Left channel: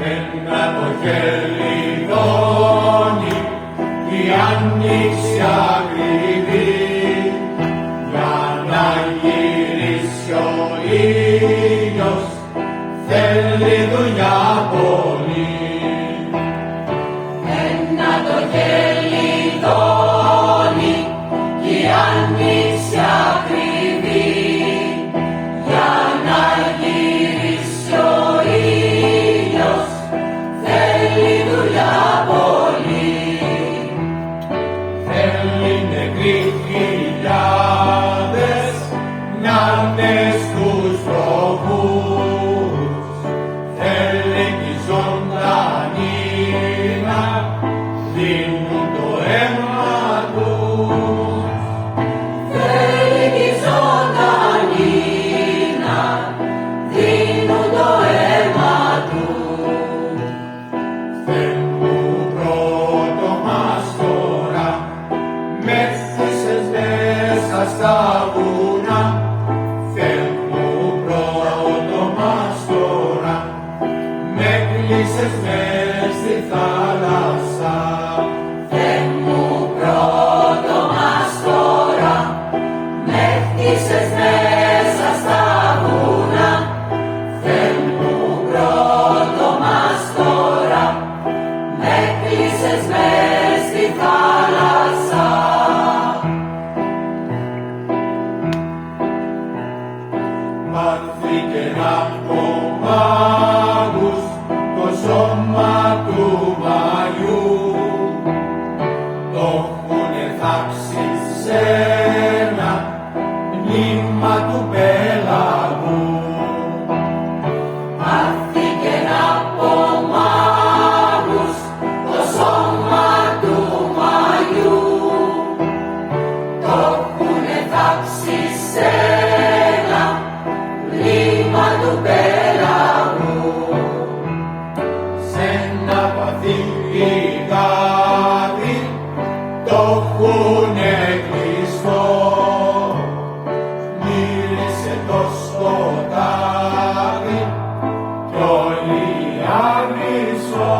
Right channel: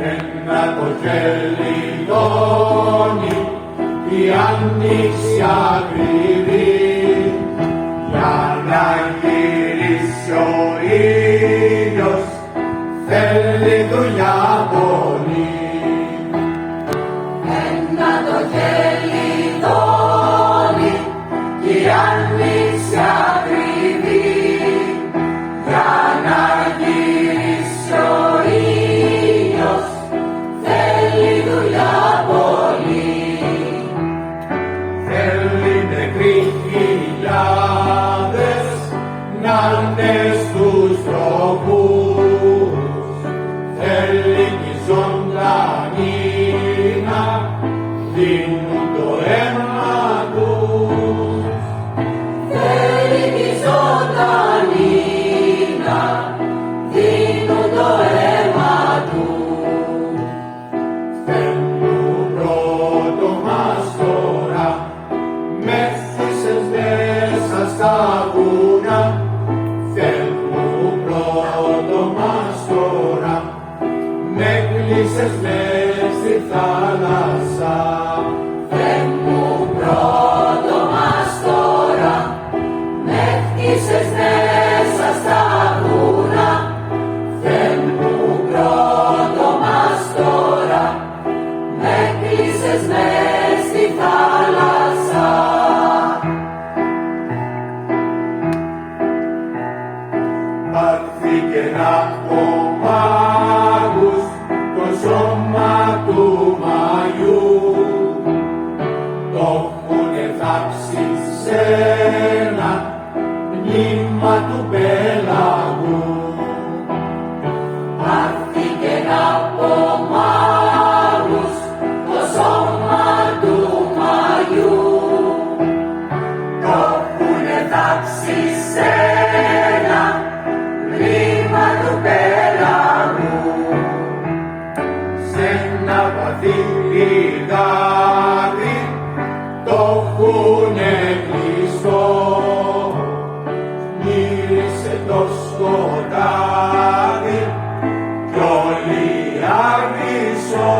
Ένα το χελιδόνι, η άνοιξη ακριβή, για να γυρίσει ο ήλιος, θέλει δουλειά πολύ. Ένα το χελιδόνι, η άνοιξη ακριβή, για να γυρίσει ο ήλιος, θέλει δουλειά πολύ. Θέλει νεκροί χιλιάδες να είναι στους τροχούς, θέλει κι ζωντανοί να δίνουν το αίμα τους. Θέλει κι ζωντανοί να δίνουν το αίμα τους. Φέρνουν πρώτο μας τώρα, μέθησες μέσα στα βουνά. Φέρνουν πρώτο μας τώρα, με κλείσες μες στη θάλασσα. Θεέ μου πρώτο μας τώρα, με χτίσες μέσα στα βουνά. Θεέ μου πρώτο μας τώρα, με κλείσες μες στη θάλασσα. Πάρθηκε από μάγους το σώμα του μαγιού, το έχουνε θάψει σε ένα μνήμα του πέλαγου. Πάρθηκε από μάγους το σώμα του μαγιού, το έχουνε θάψει σε ένα μνήμα του πέλαγου. Σ' ένα βαθύ λιγάδι το έχουνε κλειστό, μύρισε το σκοτάδι κι όλοι άβυσσο.